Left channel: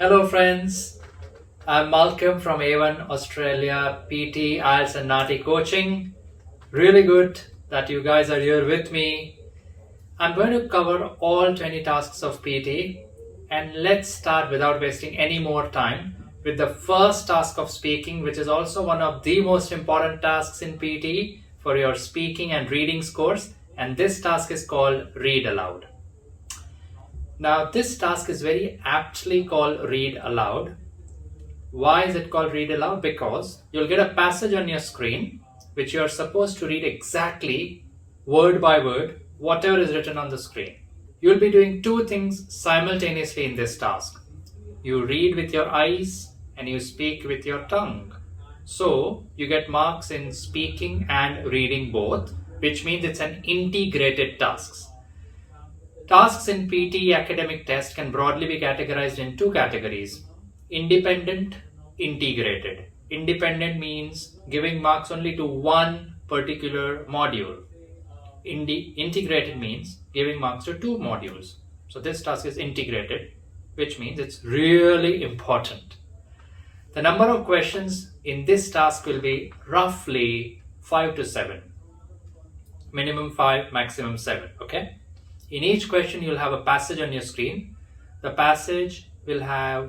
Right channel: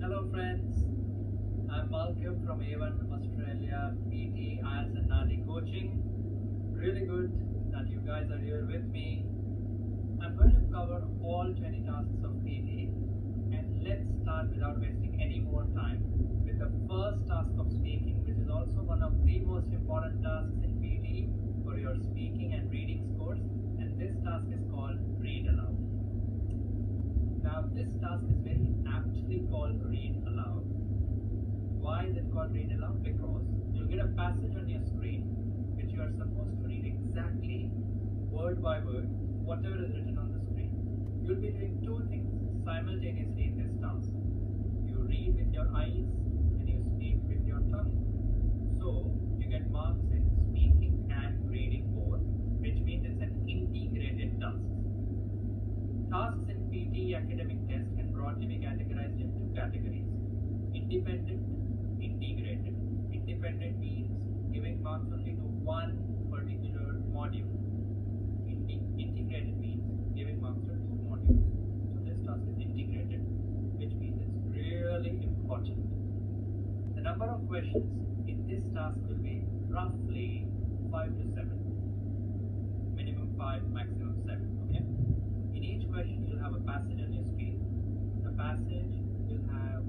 Hello friends, I'm Malcolm from A1 Australia PT IELTS and NATI coaching. Really good that you guys are here with me. I'm going to cover all 20 tasks of PT, and let's start without wasting any more time with the first task of speaking, which is also one of the most important tasks in PT for your speaking and reading scores, and this task is called Read Aloud. Now this task is very aptly called Read Aloud. Why is it called Read Aloud? Because you'll get a passage on your screen which you're supposed to read exactly word by word whatever is written on the screen. You'll be doing two things simultaneously in this task. You read with your eyes and you speak with your tongue. So you get marks in speaking and reading both, which means it's an integrated task. Tasks in PT academic test can broadly be categorized in two categories: independent, integrated. Independent means giving marks only to one particular module. Integrated means giving marks to two modules. So this task is integrated, which means it's really important. The number of questions in this task will be roughly 5 to 7. Minimum 5, maximum 7, okay? In each question, you'll have a passage on your screen. The passage will have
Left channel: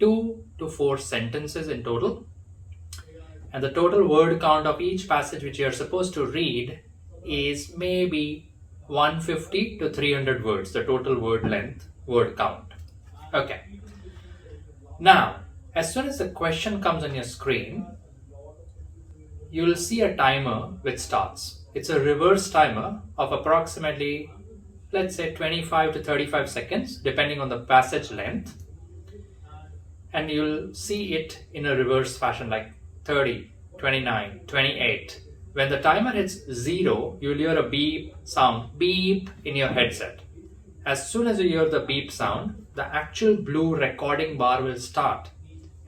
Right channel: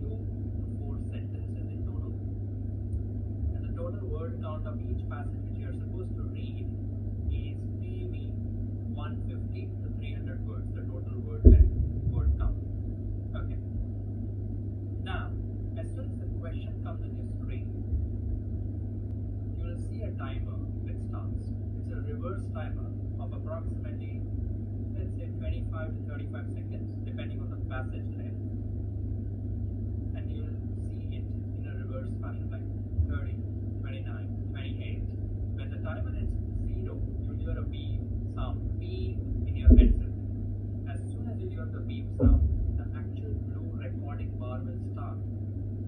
2 to 4 sentences in total. And the total word count of each passage which you're supposed to read is maybe 150 to 300 words, the total word length, word count. Okay. Now, as soon as the question comes on your screen, you'll see a timer which starts. It's a reverse timer of approximately, let's say, 25 to 35 seconds, depending on the passage length. And you'll see it in a reverse fashion, like 30, 29, 28. When the timer hits 0, you'll hear a beep sound, beep, in your headset. As soon as you hear the beep sound, the actual blue recording bar will start.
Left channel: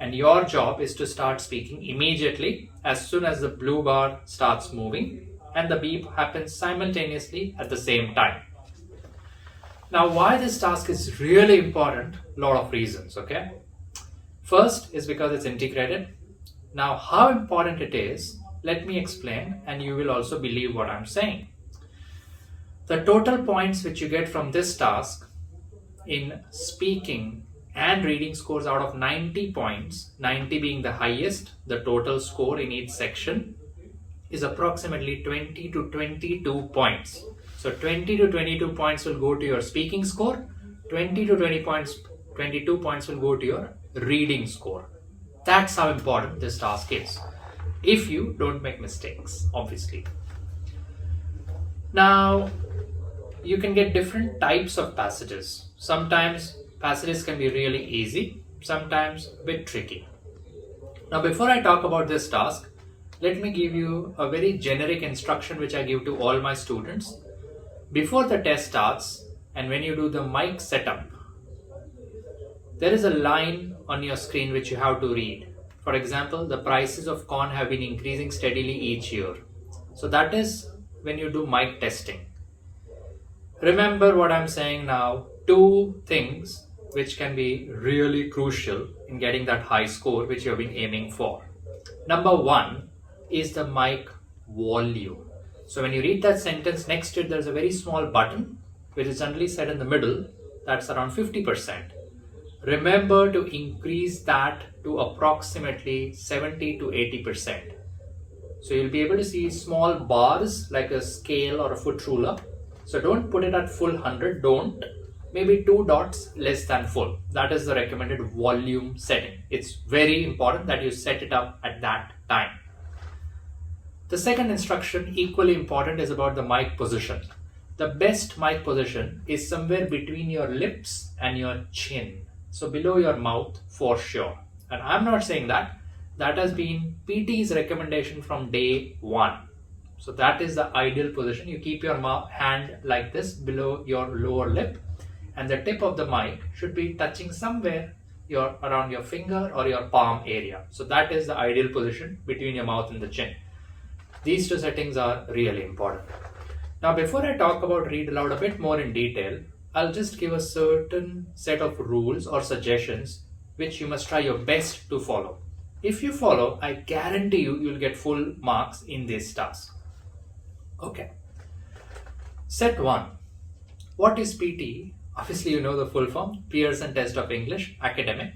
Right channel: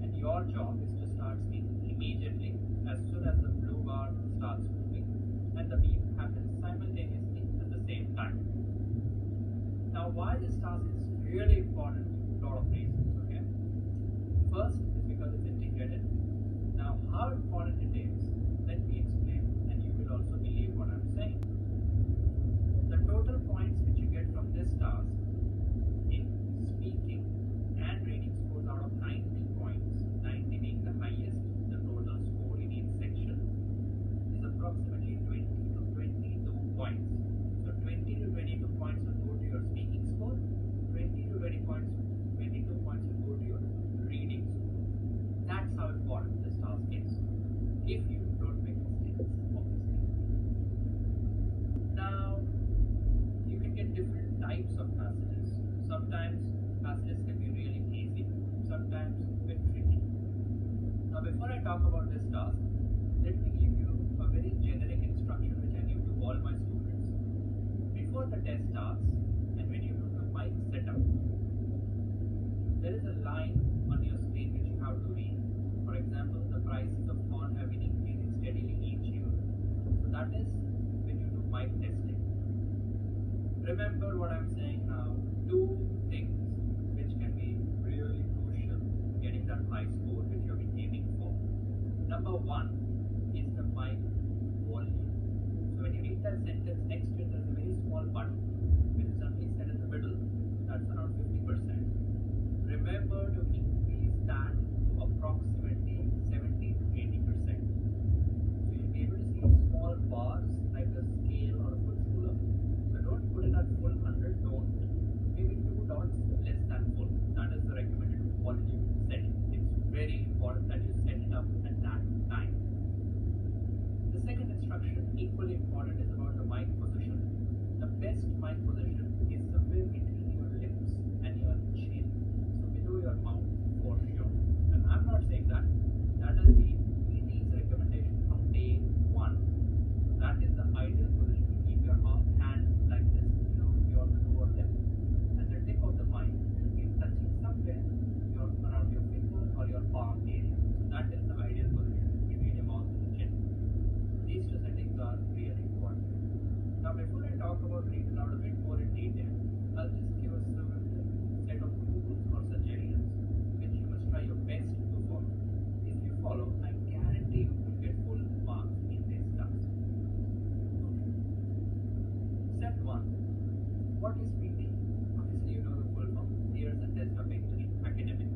And your job is to start speaking immediately as soon as the blue bar starts moving and the beep happens simultaneously at the same time. Now, why this task is really important? A lot of reasons, okay? First is because it's integrated. Now, how important it is, let me explain, and you will also believe what I'm saying. The total points which you get from this task in speaking and reading scores out of 90 points, 90 being the highest, the total score in each section, is approximately 20 to 22 points. So 20 to 22 points will go to your speaking score, 20 to 22 points will go to your reading score. That's how important this task is, if you don't make mistakes, obviously. Now, you can get different types of passages. Sometimes passages can be really easy, sometimes a bit tricky. Now, before I talk about this task, let me give you a very generic instruction which I give to all my students. Before the test starts and when you do the mic setup, there is a line on your screen which you have to read. For example, the prices of corn have been increasing steadily each year. So that is when you do mic testing. Remember what I'm saying now, two things which can be really crucial in getting that high score which you have been aiming for. Number one is the mic volume. So when you read that sentence, next to it there's a very small button which is generally set in the middle, that's around 50%. Remember to increase that to approximately 70 to 80%. So you'll be able to see small bars like a scale or a foot ruler. So don't put it at full 100, don't. Maybe 2 dots less than full. That is the recommended volume setting. It's very important that you set it up at that time. The second instruction, equally important, is about the mic position. The best mic position is somewhere between your lips and your chin. So below your mouth for sure. And I'm not saying that. That has been PT's recommendation from day one. So that is the ideal position. You keep your hand like this below your lower lip, and the tip of the mic should be touching somewhere around your finger or your palm area. So that is the ideal position between your mouth and the chin. These two settings are really important. Now, before I talk about Read Aloud a bit more in detail, I'll just give a certain set of rules or suggestions which you must try your best to follow. If you follow, I guarantee you'll get full marks in this task. Okay. Set 1. What is PT? Obviously, you know the full form, Pearson Test of English, academic.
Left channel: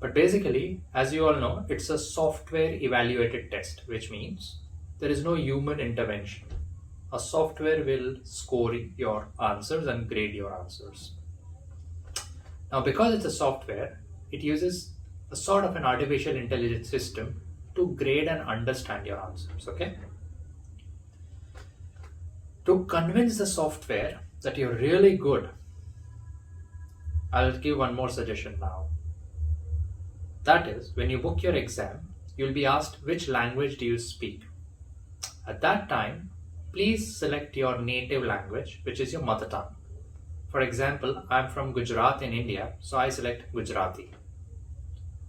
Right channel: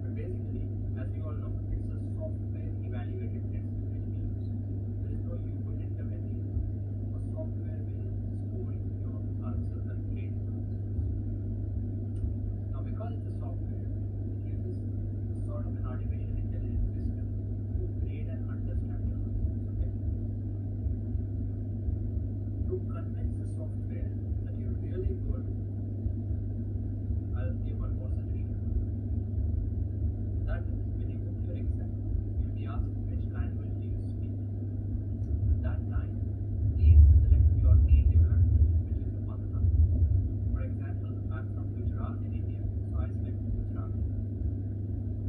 But basically, as you all know, it's a software evaluated test, which means there is no human intervention. A software will score your answers and grade your answers. Now, because it's a software, it uses a sort of an artificial intelligence system to grade and understand your answers, okay? To convince the software that you're really good, I'll give one more suggestion now. That is, when you book your exam, you'll be asked which language do you speak. At that time, please select your native language, which is your mother tongue. For example, I'm from Gujarat in India, so I select Gujarati.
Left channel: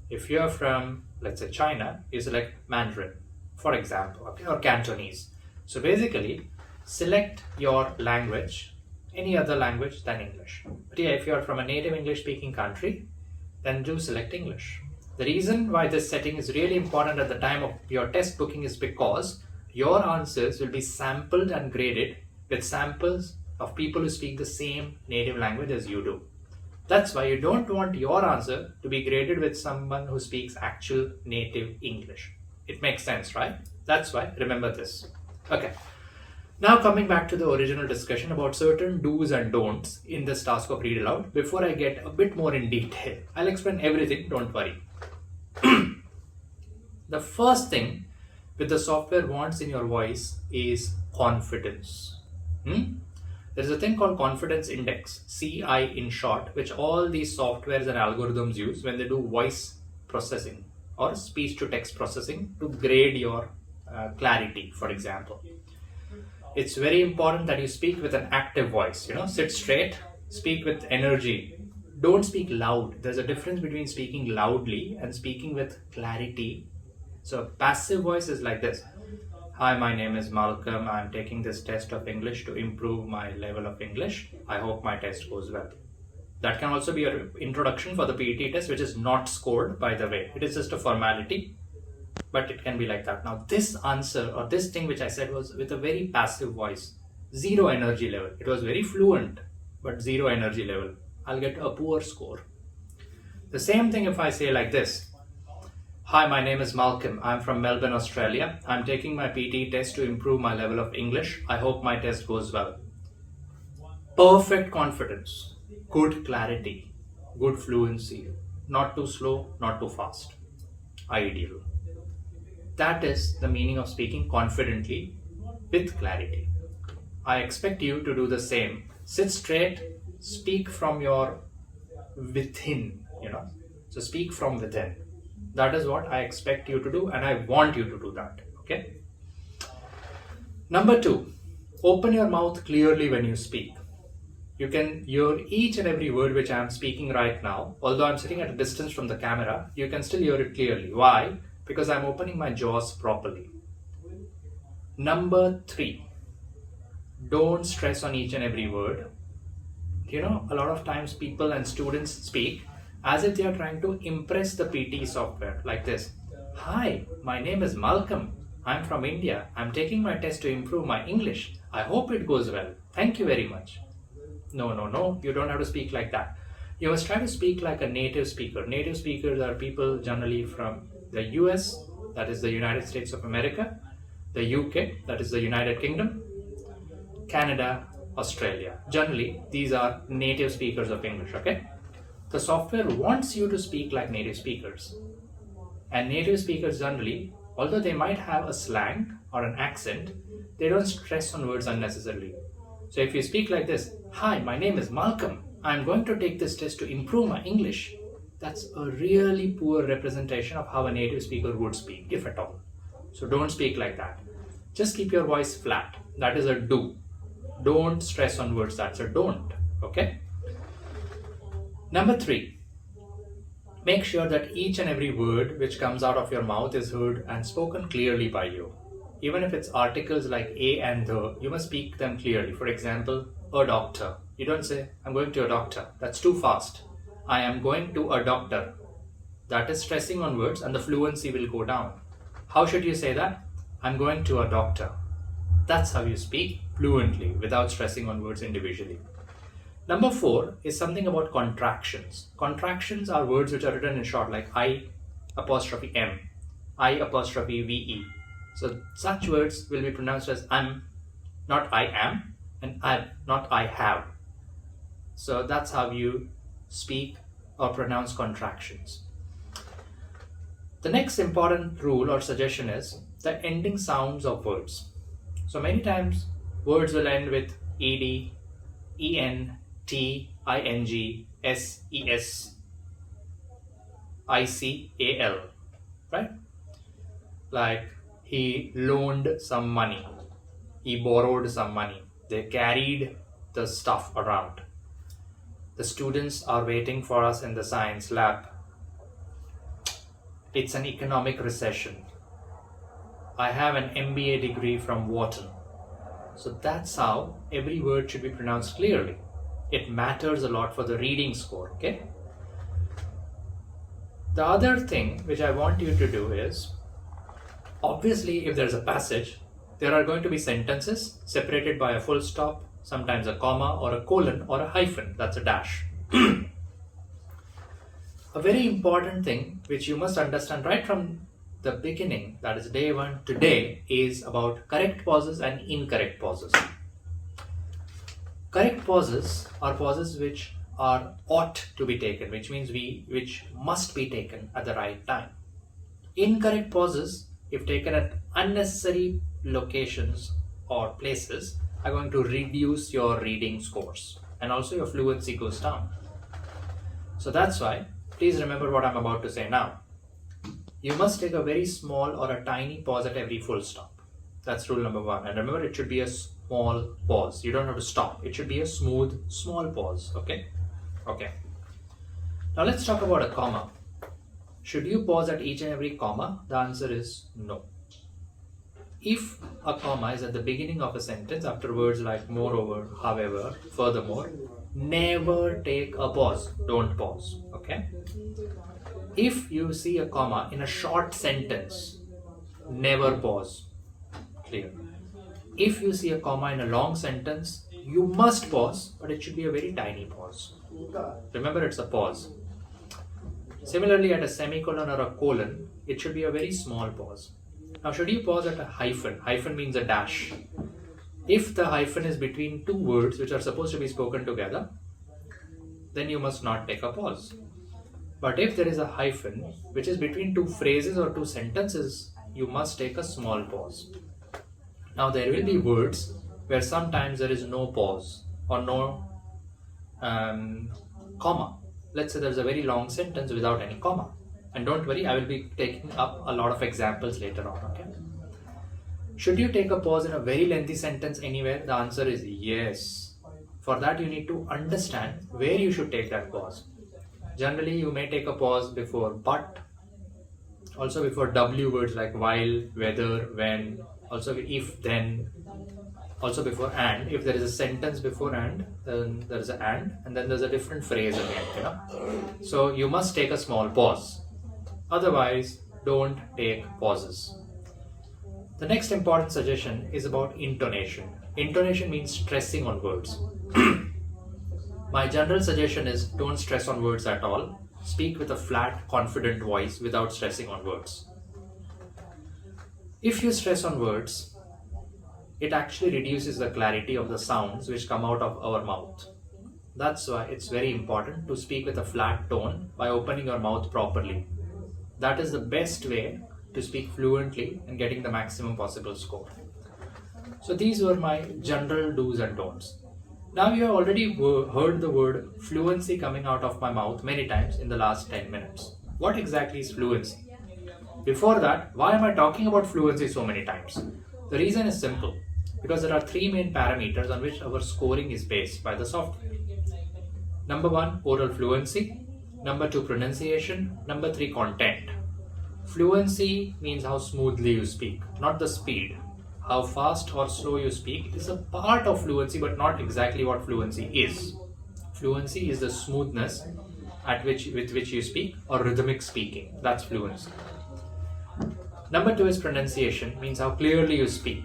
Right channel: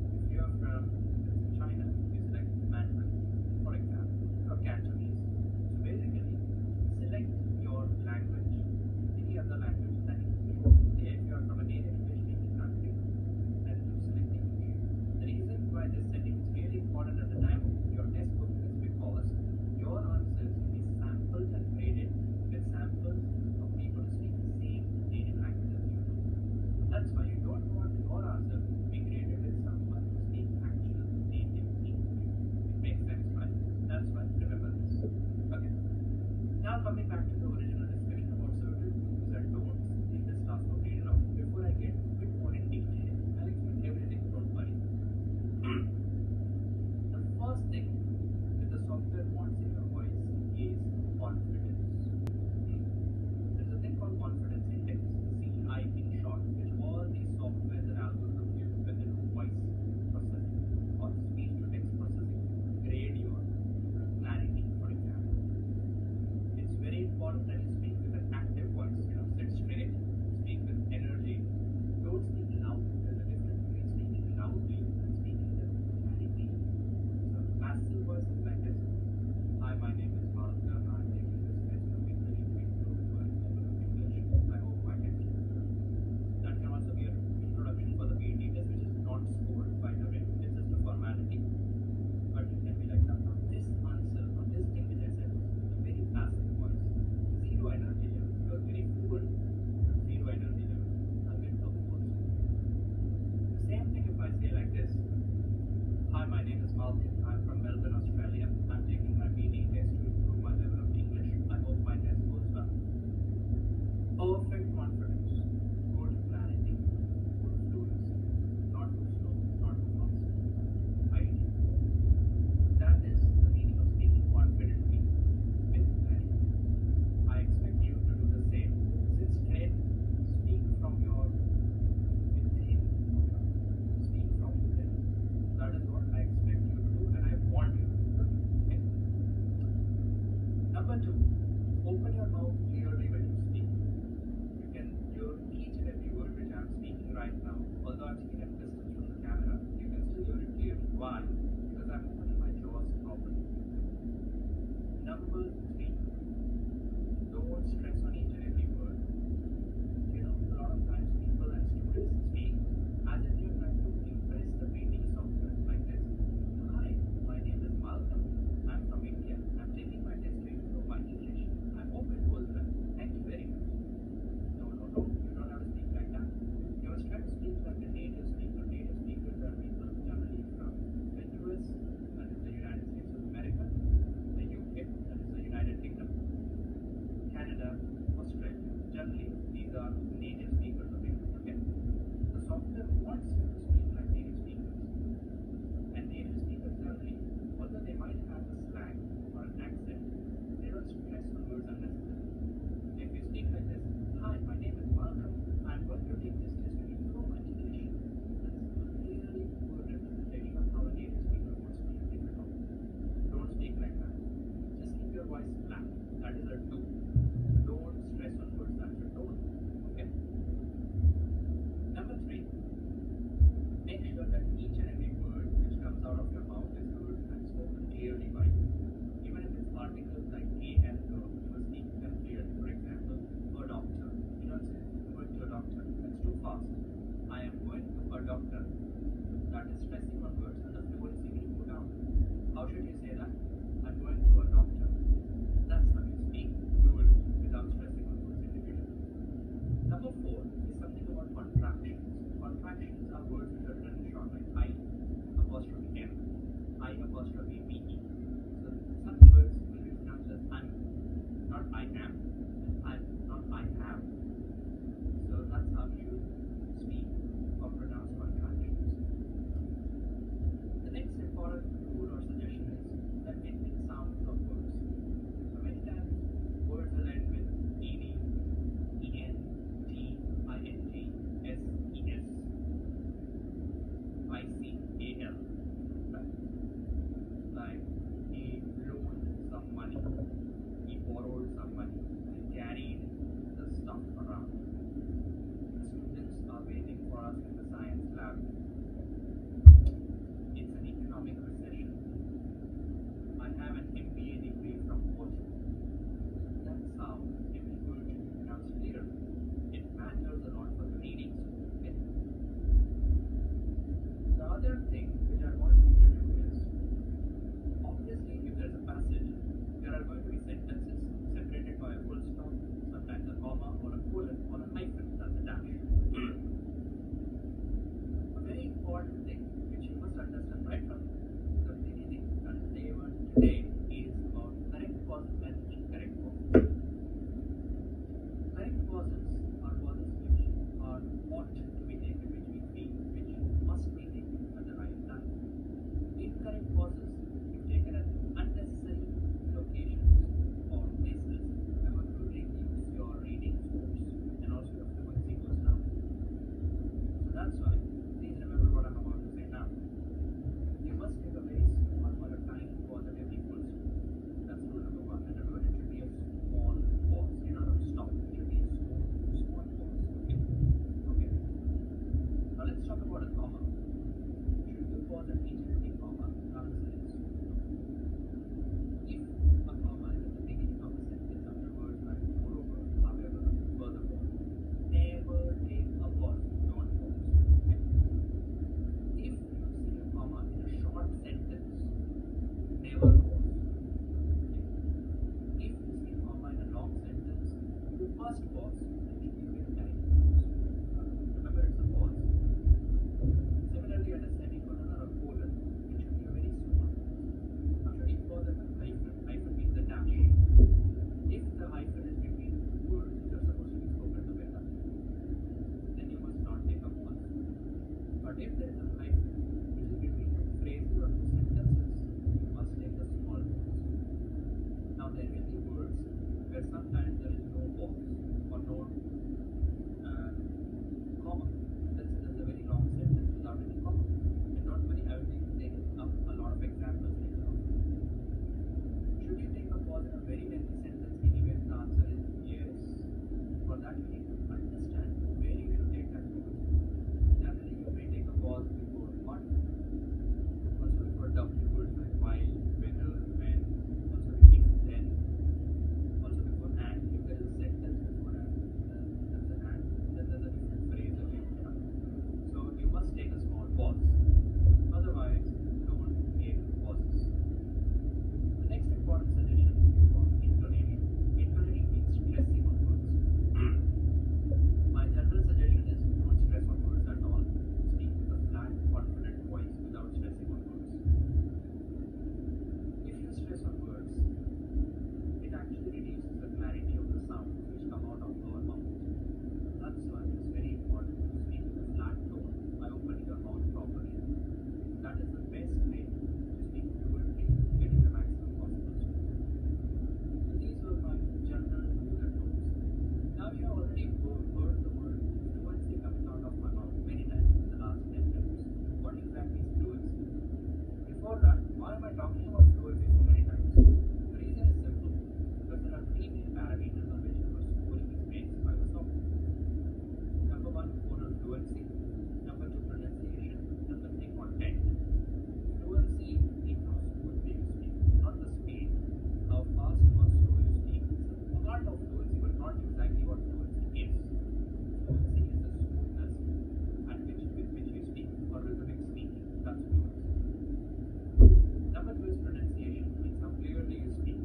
If you're from, let's say, China, you select Mandarin, for example, okay, or Cantonese. So basically, select your language, any other language than English. But yeah, if you're from a native English speaking country, then do select English. The reason why this setting is really important at the time of your test booking is because your answers will be sampled and graded with samples of people who speak the same native language as you do. That's why you don't want your answer to be graded with someone who speaks actual native English. It makes sense, right? That's why, remember this. Okay. Now coming back to the original discussion about certain do's and don'ts in this task of read aloud, before I get a bit more in detail, I'll explain everything, don't worry. The first thing which the software wants in your voice is confidence. There's a thing called confidence index, CI in short, which all these softwares and algorithms use when they do voice processing or speech to text processing to grade your clarity, for example. It's very important that you speak with an active voice, sit straight, speak with energy. Don't speak loud. There's a difference between speaking loudly and speaking with clarity. So passive voice is like this. Hi, my name is Malcolm. I'm taking this test of English to improve my level of English. I hope my test goes well. That can also be your introduction for the PET test, which is not scored, by the way. It is just a formality, but it can be like that. Now, this answer or this thing which I said was with a very passive voice, zero energy level. It was very fluent, but zero energy level. I'll get a poor score. The same thing if I say like this. Hi, my name is Malcolm. I'm from Melbourne, Australia. I'm taking my PT test to improve my level of English. I hope my test goes well. Perfect confidence, good clarity, good fluency, not too slow, not too fast. Ideal. That is the meaning of speaking confidently with clarity. I expect you to do the same. Sit straight, speak from your within, So speak from within. That is what I expect you to do, and I want you to do that, okay? Number 2, open your mouth clearly when you speak. You can hear each and every word which I am speaking right now. Although I'm sitting at a distance from the camera, you can still hear it clearly. Why? Because I'm opening my jaws properly. Number 3, don't stress on each and every word. A lot of times people and students speak as if they are trying to impress the PT software like this. Hi, my name is Malcolm. I'm from India. I'm taking my test to improve my English. I hope it goes well. Thank you very much. No, you don't have to speak like that. You must try to speak like a native speaker. Native speakers are people generally from the US, that is the United States of America, the UK, that is the United Kingdom, Canada, Australia. Generally, these are native speakers of English, okay? The software wants you to speak like native speakers. And native speakers generally, although they might have a slang or an accent, they don't stress on words unnecessarily. So if you speak like this, hi, my name is Malcolm. I'm going to take this test to improve my English. That's a really poor representation of how a native speaker would speak, if at all. So don't speak like that. Just keep your voice flat. That is a do. Don't stress on words. That's a don't. Okay? Number 3, make sure that each and every word which comes out of your mouth is heard and spoken clearly by you. Even if it's articles like a and the, you must speak them clearly. For example, a doctor. You don't say, I'm going to a doctor. That's too fast. I am going to a doctor. That is stressing on words and the fluency will go down. How should you say that? I'm going to a doctor. That's how you speak fluently without stressing on words individually. Number 4 is something about contractions. Contractions are words which are written in short, like I apostrophe M, I apostrophe VE. So such words will be pronounced as I'm, not I am, and I, not I have. So that's how you speak or pronounce contractions. The next important rule or suggestion is the ending sounds of words. So many times words will end with ed, en, t, ing, s, es, ical, right? Like he loaned some money, he borrowed some money, they carried the stuff around. The students are waiting for us in the science lab. It's an economic recession. I have an MBA degree from Wharton. So that's how every word should be pronounced clearly. It matters a lot for the reading score, okay? The other thing which I want you to do is, obviously if there's a passage, there are going to be sentences separated by a full stop, sometimes a comma or a colon or a hyphen, that's a dash. A very important thing which you must understand right from the beginning, that is day 1 to day, is about correct pauses and incorrect pauses. Correct pauses are pauses which are ought to be taken, which means which must be taken at the right time. Incorrect pauses, if taken at unnecessary locations or places, are going to reduce your reading scores and also your fluency goes down. So that's why, please remember what I'm about to say now. You must take a very small or a tiny pause at every full stop. That's rule number 1. And remember, it should be a small pause. You don't have to stop. It should be a smooth, small pause. Okay? Okay. Now let's talk about a comma. Should you pause at each and every comma? The answer is no. If a comma is at the beginning of a sentence after words like moreover, however, furthermore, never take a pause. Don't pause. Okay? If you see a comma in a short sentence, never pause. Clear. If you see a comma in a long sentence, you must pause, but it should be a very tiny pause. Remember, it's a pause. Similarly, at a semicolon or a colon, it should be a very small pause. Now, should you pause at a hyphen? Hyphen means a dash. If the hyphen is between two words which are supposed to be spoken together, then you must not take a pause. But if there is a hyphen which is between two phrases or two sentences, you must take a small pause. Now there will be words where sometimes there is no pause or no comma. Let's say there's a very long sentence without any comma. And don't worry, I will be taking up a lot of examples later on. Okay? Should you take a pause in a very lengthy sentence anywhere? The answer is yes. For that you need to understand where you should take that pause. Generally, you may take a pause before but, also before W words like while, whether, when, also if, then, also before and. If there is a sentence before and, then there is an and then there's a different phrase again, So you must take a small pause. Otherwise, don't take pauses. The next important suggestion is about intonation. Intonation means stressing on words. My general suggestion is don't stress on words at all. Speak with a flat, confident voice without stressing on words. If you stress on words, it actually reduces the clarity of the sounds which come out of our mouth. That's why it's very important to speak with a flat tone by opening your mouth properly. That is the best way to speak fluently and getting the maximum possible score. So these were my general do's and don'ts. Now you have already heard the word fluency coming out of my mouth many times in the last 10 minutes. What exactly is fluency? Before that, why am I talking about fluency so many times? The reason is simple. Because there are 3 main parameters on which our scoring is based by the software. Number 1, oral fluency. Number 2, pronunciation. Number 3, content. Fluency means how smoothly you speak, not the speed. How fast or slow you speak is a part of fluency, but not exactly what fluency is. Fluency is the smoothness with which you speak, or rhythmic speaking. That's fluency. Number 2 is pronunciation, means how clearly you speak.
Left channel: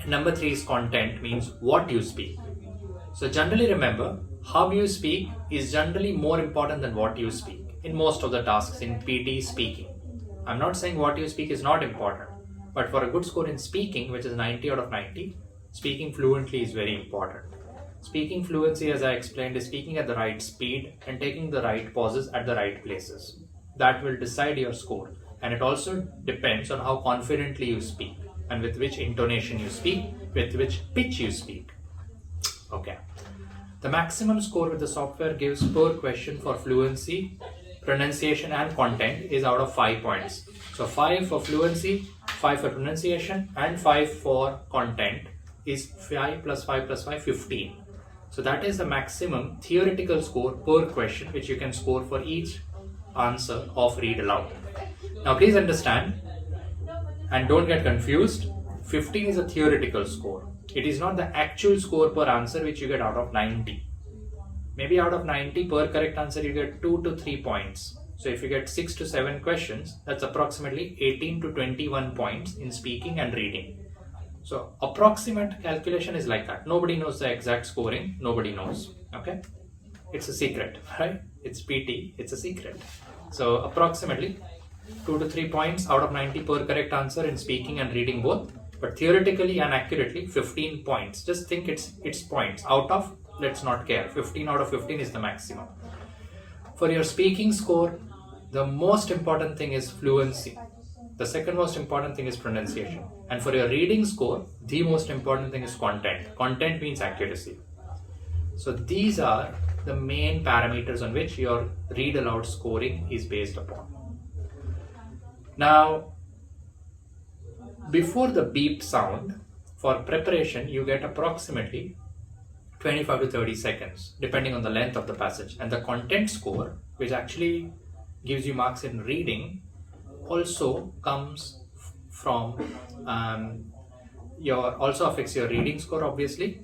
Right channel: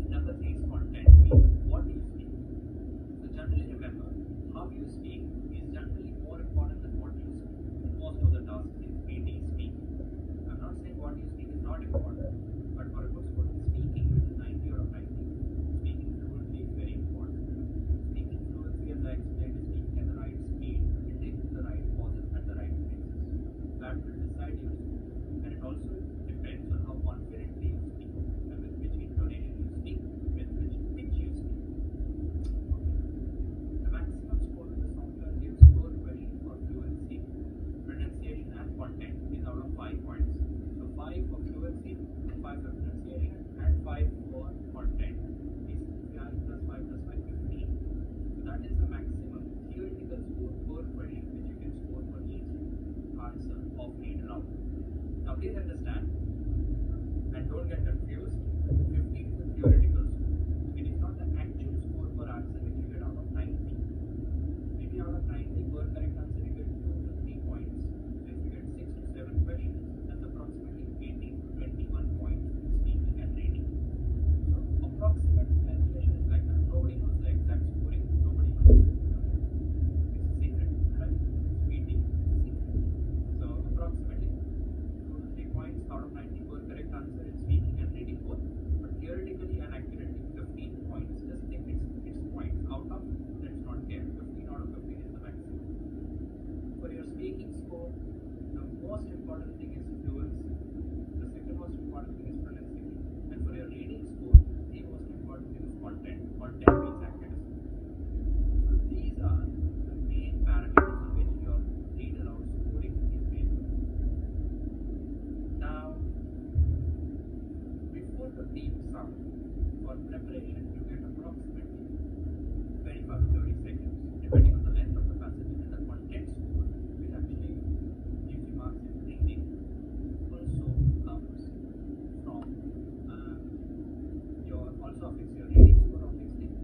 And number 3 is content, means what you speak. So generally remember, how you speak is generally more important than what you speak in most of the tasks in PT speaking. I'm not saying what you speak is not important, but for a good score in speaking, which is 90 out of 90, speaking fluently is very important. Speaking fluency, as I explained, is speaking at the right speed and taking the right pauses at the right places. That will decide your score, and it also depends on how confidently you speak and with which intonation you speak, with which pitch you speak. Okay. The maximum score with the software gives per question for fluency, pronunciation and content is out of 5 points. So 5 for fluency, 5 for pronunciation and 5 for content is 5 plus 5 plus 5, 15. So that is the maximum theoretical score per question which you can score for each answer of read aloud. Now please understand and don't get confused, 15 is a theoretical score. It is not the actual score per answer which you get out of 90. Maybe out of 90 per correct answer you get 2 to 3 points. So if you get 6 to 7 questions, that's approximately 18 to 21 points in speaking and reading. So approximate calculation is like that. Nobody knows the exact scoring. Nobody knows. Okay? It's a secret, right? It's PT. It's a secret. So approximately 2 to 3 points out of 90 per correct answer in speaking and reading both. But theoretically and accurately 15 points. Just think it's points. Out of, let's not care. 15 out of 15 is the maximum. For your speaking score, the most important thing is fluency. The second most important thing is pronunciation. And for your reading score, the most important thing is content. Content means accuracy. So these are the main parameters on which your read aloud scoring is based upon. Now, before the beep sound, for preparation, you get approximately 25 to 30 seconds, depending on the length of the passage. And the content score, which actually gives you marks in reading, also comes from also affects your reading score, obviously,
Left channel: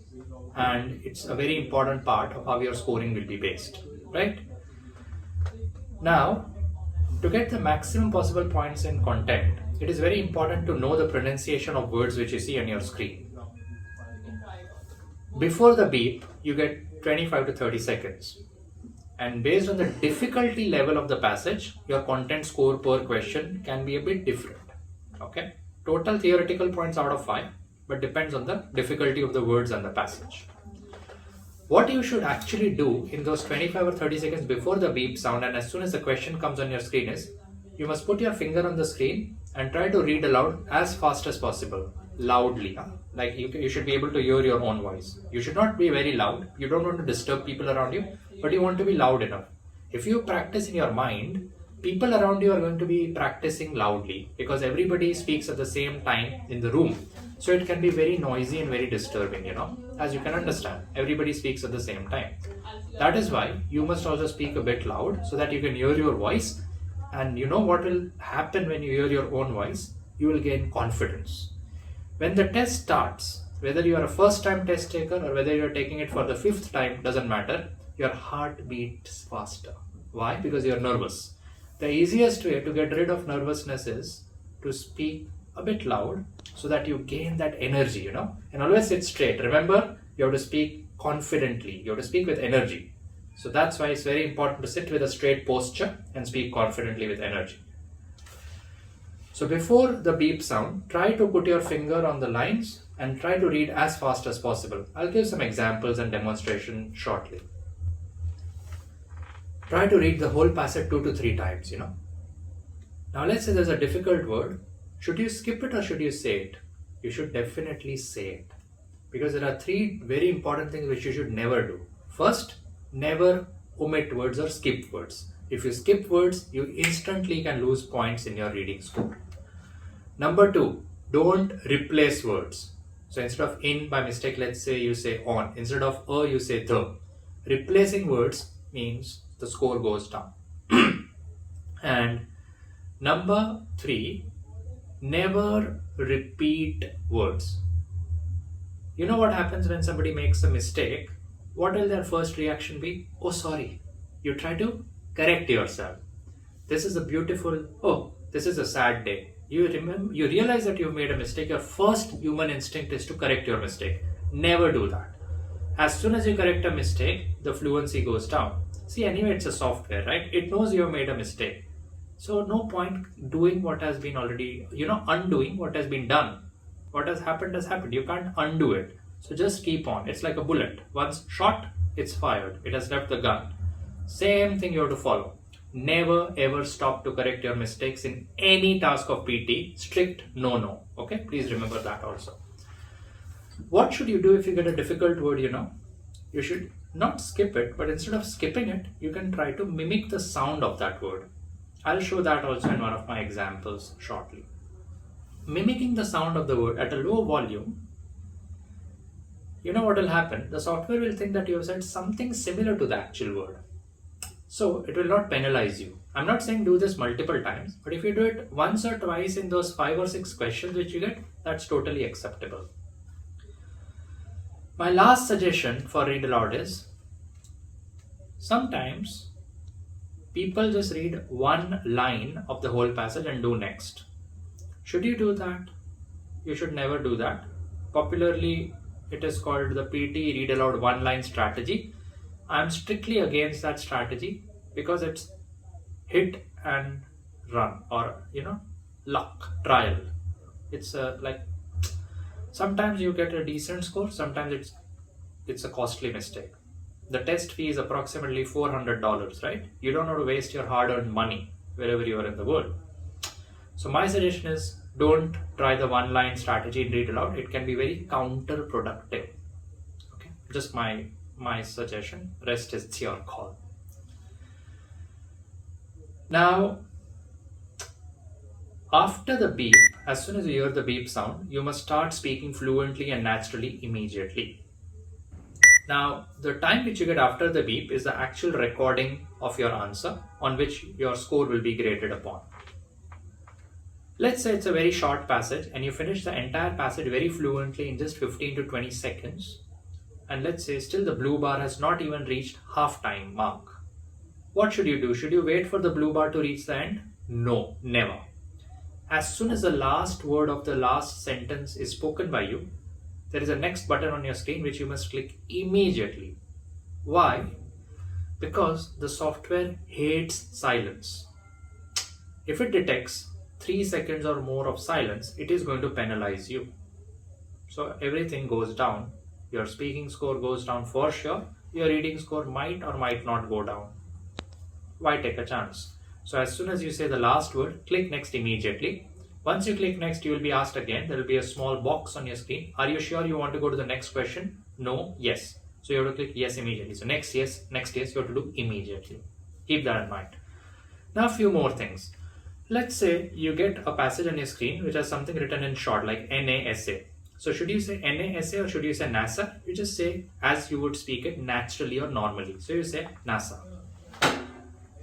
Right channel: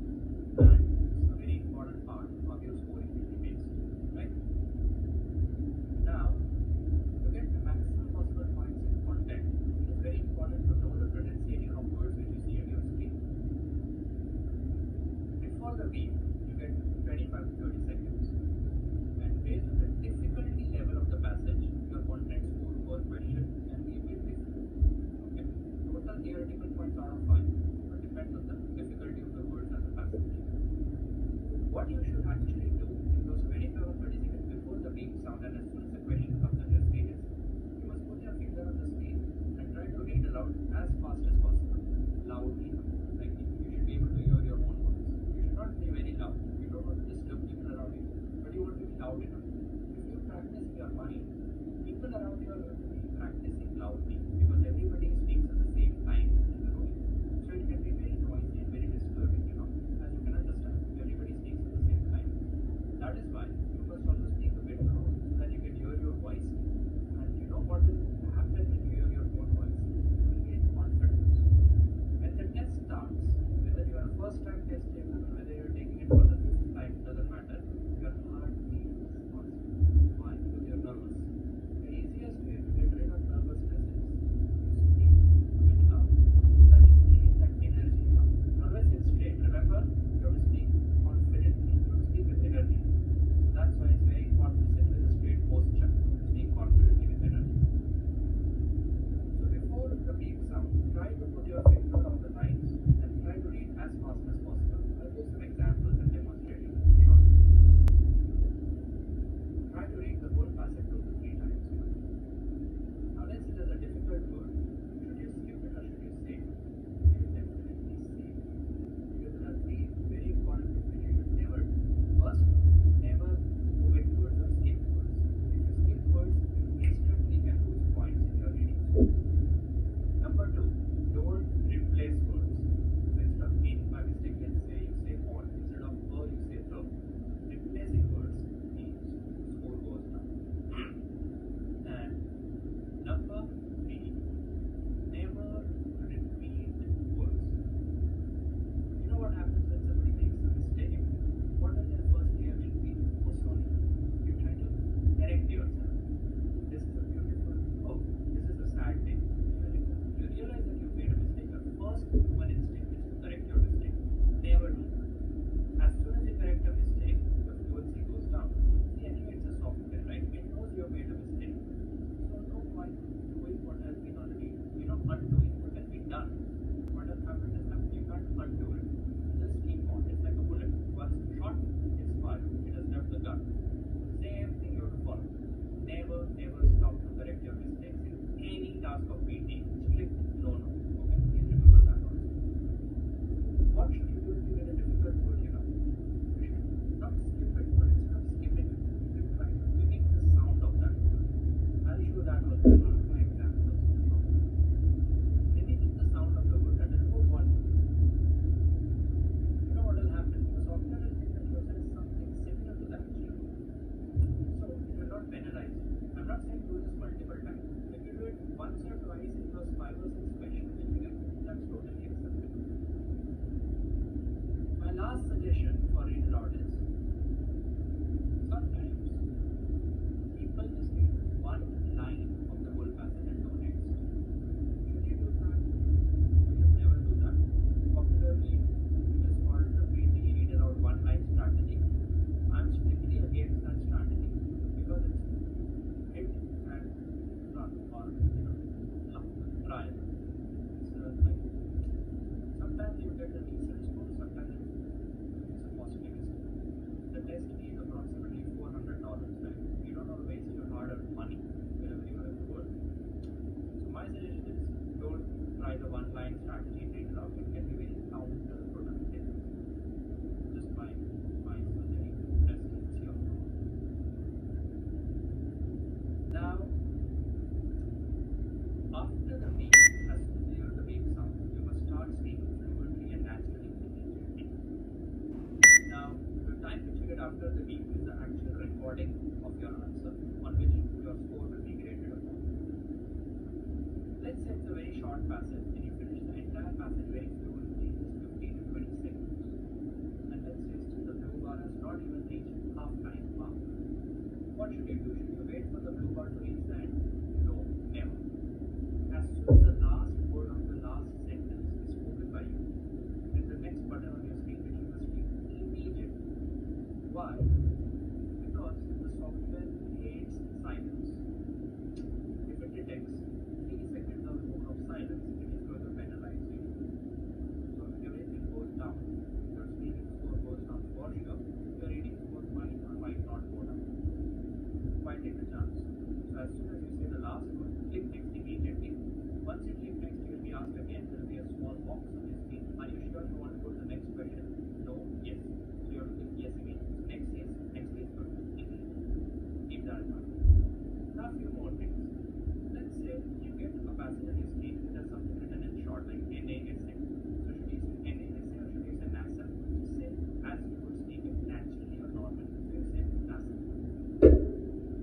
and it's a very important part of how your scoring will be based, right? Now, to get the maximum possible points in content, it is very important to know the pronunciation of words which you see on your screen. Before the beep, you get 25 to 30 seconds. And based on the difficulty level of the passage, your content score per question can be a bit different. Okay? Total theoretical points out of 5, but depends on the difficulty of the words and the passage. What you should actually do in those 25 or 30 seconds before the beep sound and as soon as the question comes on your screen is, you must put your finger on the screen and try to read aloud as fast as possible, loudly. Like you should be able to hear your own voice. You should not be very loud. You don't want to disturb people around you, but you want to be loud enough. If you practice in your mind, people around you are going to be practicing loudly because everybody speaks at the same time in the room. So it can be very noisy and very disturbing, as you can understand. Everybody speaks at the same time. That is why you must also speak a bit loud so that you can hear your voice. And you know what will happen when you hear your own voice? You will gain confidence. When the test starts, whether you are a first time test taker or whether you are taking it for the 5th time, doesn't matter, your heart beats faster. Why? Because you are nervous. The easiest way to get rid of nervousness is to speak a bit loud so that you gain that energy, and always sit straight. Remember, you have to speak confidently, you have to speak with energy. So that's why it's very important to sit with a straight posture and speak confidently with energy. So before the beep sound, try to put your finger on the lines and try to read as fast as possible. I'll give some examples and demonstration shortly. Try to read the whole passage 2 to 3 times, Now let's say there's a difficult word. Should you skip it or should you say it? You should definitely say it. Because there are 3 very important things which you should never do. First, never omit words or skip words. If you skip words, you instantly can lose points in your reading score. Number 2, don't replace words. So instead of in by mistake, let's say you say on. Instead of you say the. Replacing words means the score goes down. And number 3, never repeat words. You know what happens when somebody makes a mistake? What will their first reaction be? Oh, sorry. You try to correct yourself. This is a beautiful, oh, this is a sad day. You realize that you've made a mistake. Your first human instinct is to correct your mistake. Never do that. As soon as you correct a mistake, the fluency goes down. See, anyway, it's a software, right? It knows you have made a mistake. So no point doing what has been already, undoing what has been done. What has happened has happened. You can't undo it. So just keep on. It's like a bullet. Once shot, it's fired. It has left the gun. Same thing you have to follow. Never ever stop to correct your mistakes in any task of PT. Strict no. Okay, please remember that also. What should you do if you get a difficult word? You should not skip it, but instead of skipping it, you can try to mimic the sound of that word. I'll show that also in one of my examples shortly. Mimicking the sound of the word at a low volume, you know what will happen? The software will think that you have said something similar to the actual word. So it will not penalize you. I'm not saying do this multiple times, but if you do it once or twice in those 5 or 6 questions which you get, that's totally acceptable. My last suggestion for read aloud is, sometimes people just read one line of the whole passage and do next. Should you do that? You should never do that. Popularly, it is called the PT read aloud one line strategy. I am strictly against that strategy because it's hit and run, or luck, trial. It's like sometimes you get a decent score, sometimes it's a costly mistake. The test fee is approximately $400, right? You don't want to waste your hard-earned money wherever you are in the world. So my suggestion is, don't try the one-line strategy in read aloud. It can be very counterproductive. Okay, just my suggestion. Rest is your call. Now, after the beep, as soon as you hear the beep sound, you must start speaking fluently and naturally immediately. Now, the time which you get after the beep is the actual recording of your answer, on which your score will be graded upon. Let's say it's a very short passage and you finish the entire passage very fluently in just 15 to 20 seconds. And let's say still the blue bar has not even reached half-time mark. What should you do? Should you wait for the blue bar to reach the end? No, never. As soon as the last word of the last sentence is spoken by you, there is a next button on your screen which you must click immediately. Why? Because the software hates silence. If it detects 3 seconds or more of silence, it is going to penalize you. So everything goes down. Your speaking score goes down for sure. Your reading score might or might not go down. Why take a chance? So as soon as you say the last word, click next immediately. Once you click next, you will be asked again. There will be a small box on your screen. Are you sure you want to go to the next question? No, yes. So you have to click yes immediately. So next yes, you have to do immediately. Keep that in mind. Now a few more things. Let's say you get a passage on your screen which has something written in short like NASA. So should you say NASA or should you say NASA? You just say as you would speak it naturally or normally. So you say NASA.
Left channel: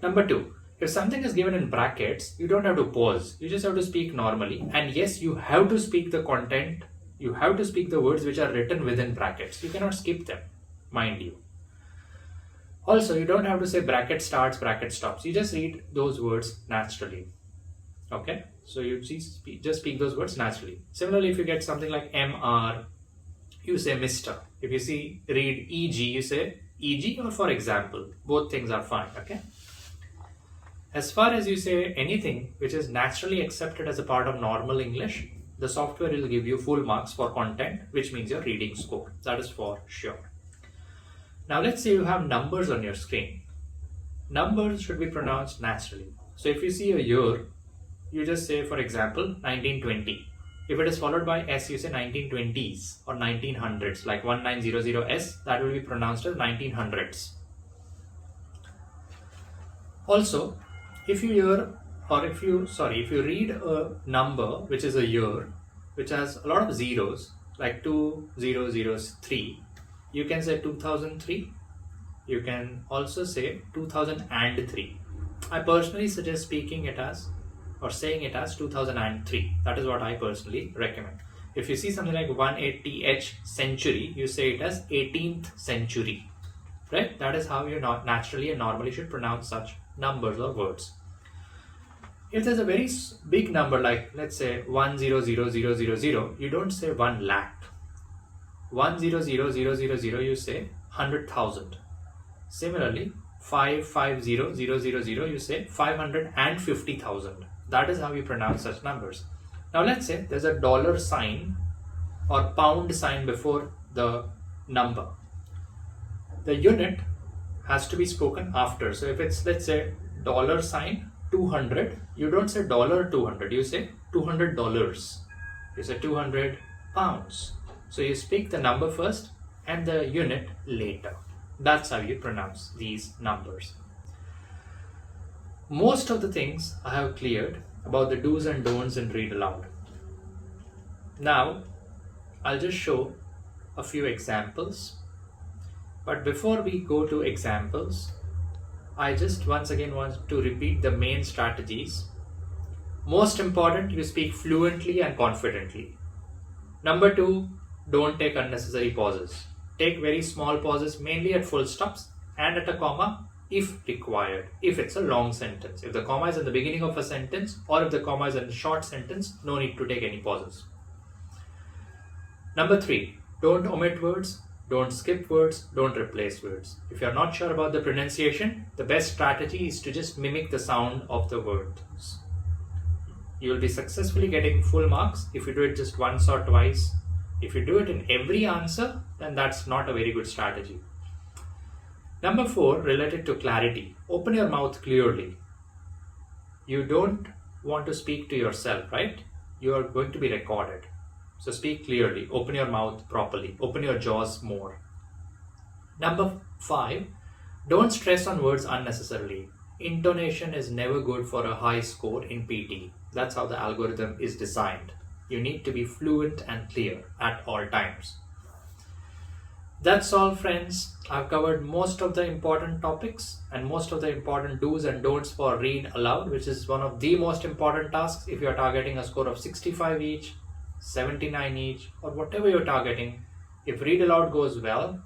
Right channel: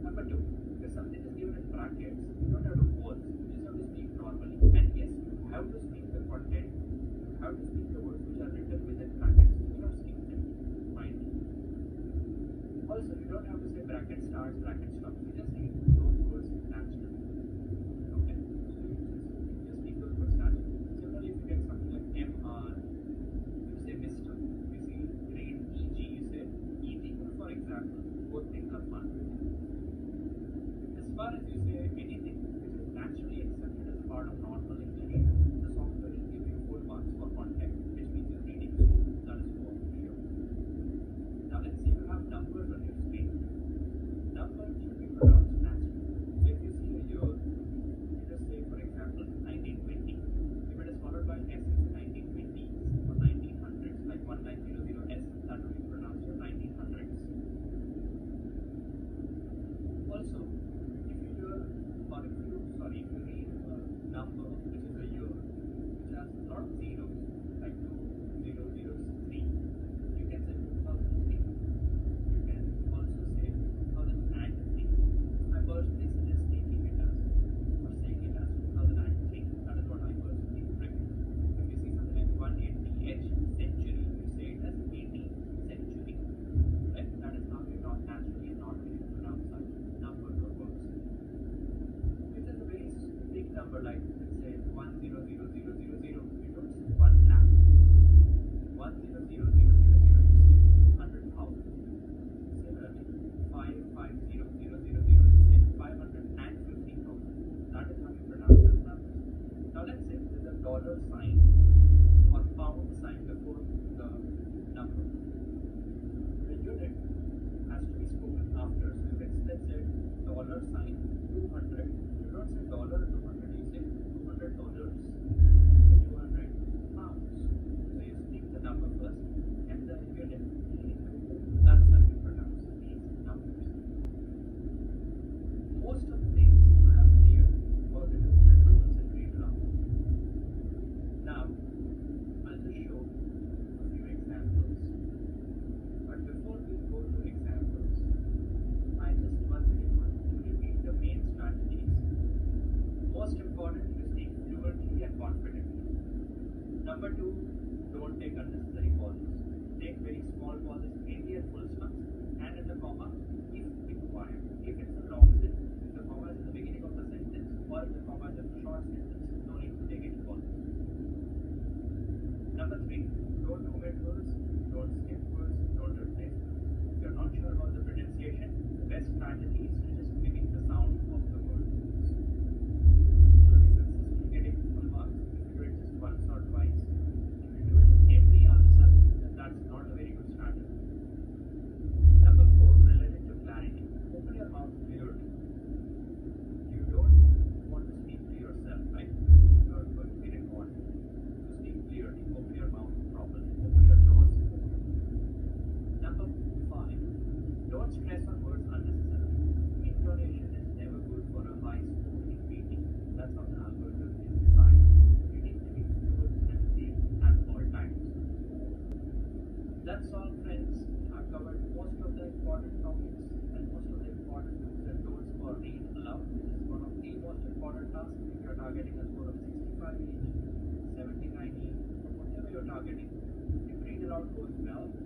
Number 2. If something is given in brackets, you don't have to pause. You just have to speak normally. And yes, you have to speak the content. You have to speak the words which are written within brackets. You cannot skip them, mind you. Also, you don't have to say bracket starts, bracket stops. You just read those words naturally. Okay? So you just speak those words naturally. Similarly, if you get something like MR, you say Mr. If you read EG, you say EG or for example. Both things are fine. Okay? As far as you say anything which is naturally accepted as a part of normal English, the software will give you full marks for content, which means your reading score. That is for sure. Now let's say you have numbers on your screen. Numbers should be pronounced naturally. So if you see a year, you just say, for example, 1920. If it is followed by S, you say 1920s or 1900s, like 1900S, that will be pronounced as 1900s. Also, if you read a number which is a year, which has a lot of zeros, like 2003, you can say 2003. You can also say 2003. I personally suggest saying it as 2003. That is what I personally recommend. If you see something like 180H century, you say it as 18th century. Right? That is how you naturally and normally should pronounce such numbers or words. If there's a very big number, like let's say 100,000, you don't say 1 lakh. 100,000, you say 100,000. Similarly, 550,000, you say 550,000. That is how you pronounce such numbers. Now let's say there's a dollar sign or pound sign before the number. The unit has to be spoken after. So if it's, let's say, dollar sign 200, you don't say $200, you say $200. You say 200 pounds. So you speak the number first and the unit later. That's how you pronounce these numbers. Most of the things I have cleared about the do's and don'ts in Read Aloud. Now, I'll just show a few examples. But before we go to examples, I just once again want to repeat the main strategies. Most important, you speak fluently and confidently. Number 2, don't take unnecessary pauses. Take very small pauses, mainly at full stops and at a comma if required. If it's a long sentence. If the comma is at the beginning of a sentence or if the comma is in a short sentence, no need to take any pauses. Number 3, don't omit words, don't skip words, don't replace words. If you're not sure about the pronunciation, the best strategy is to just mimic the sound of the words. You'll be successfully getting full marks if you do it just once or twice. If you do it in every answer, then that's not a very good strategy. Number 4, related to clarity. Open your mouth clearly. You don't want to speak to yourself, right? You are going to be recorded. So speak clearly, open your mouth properly, open your jaws more. Number 5, don't stress on words unnecessarily. Intonation is never good for a high score in PT. That's how the algorithm is designed. You need to be fluent and clear at all times. That's all, friends. I've covered most of the important topics and most of the important do's and don'ts for Read Aloud, which is one of the most important tasks if you're targeting a score of 65 each, 79 each, or whatever you're targeting. If Read Aloud goes well,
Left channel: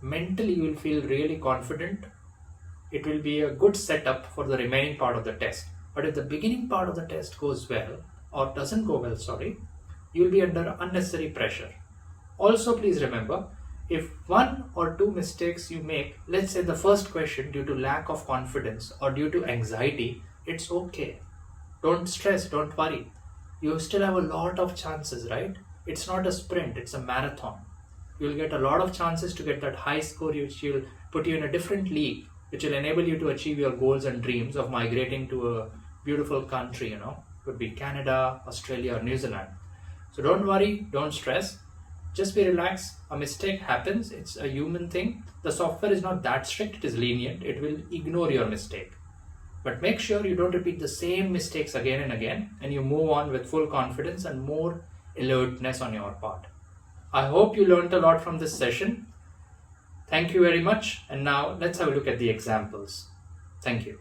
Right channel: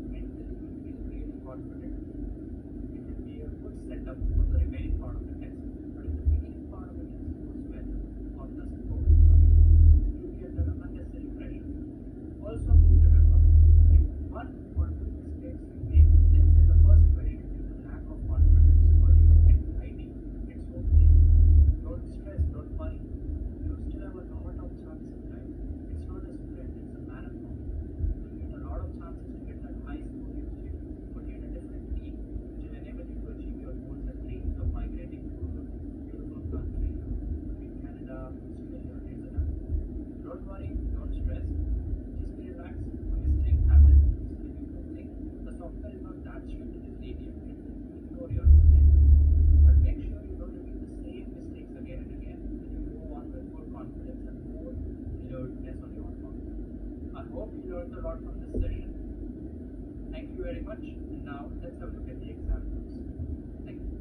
mentally you will feel really confident. It will be a good setup for the remaining part of the test. But if the beginning part of the test goes well, or doesn't go well, you will be under unnecessary pressure. Also, please remember, if 1 or 2 mistakes you make, let's say the first question due to lack of confidence or due to anxiety, it's okay. Don't stress, don't worry. You still have a lot of chances, right? It's not a sprint, it's a marathon. You'll get a lot of chances to get that high score, which will put you in a different league, which will enable you to achieve your goals and dreams of migrating to a beautiful country, Could be Canada, Australia, or New Zealand. So don't worry, don't stress. Just be relaxed. A mistake happens, it's a human thing. The software is not that strict, it is lenient. It will ignore your mistake. But make sure you don't repeat the same mistakes again and again, and you move on with full confidence and more alertness on your part. I hope you learned a lot from this session. Thank you very much. And now let's have a look at the examples. Thank you.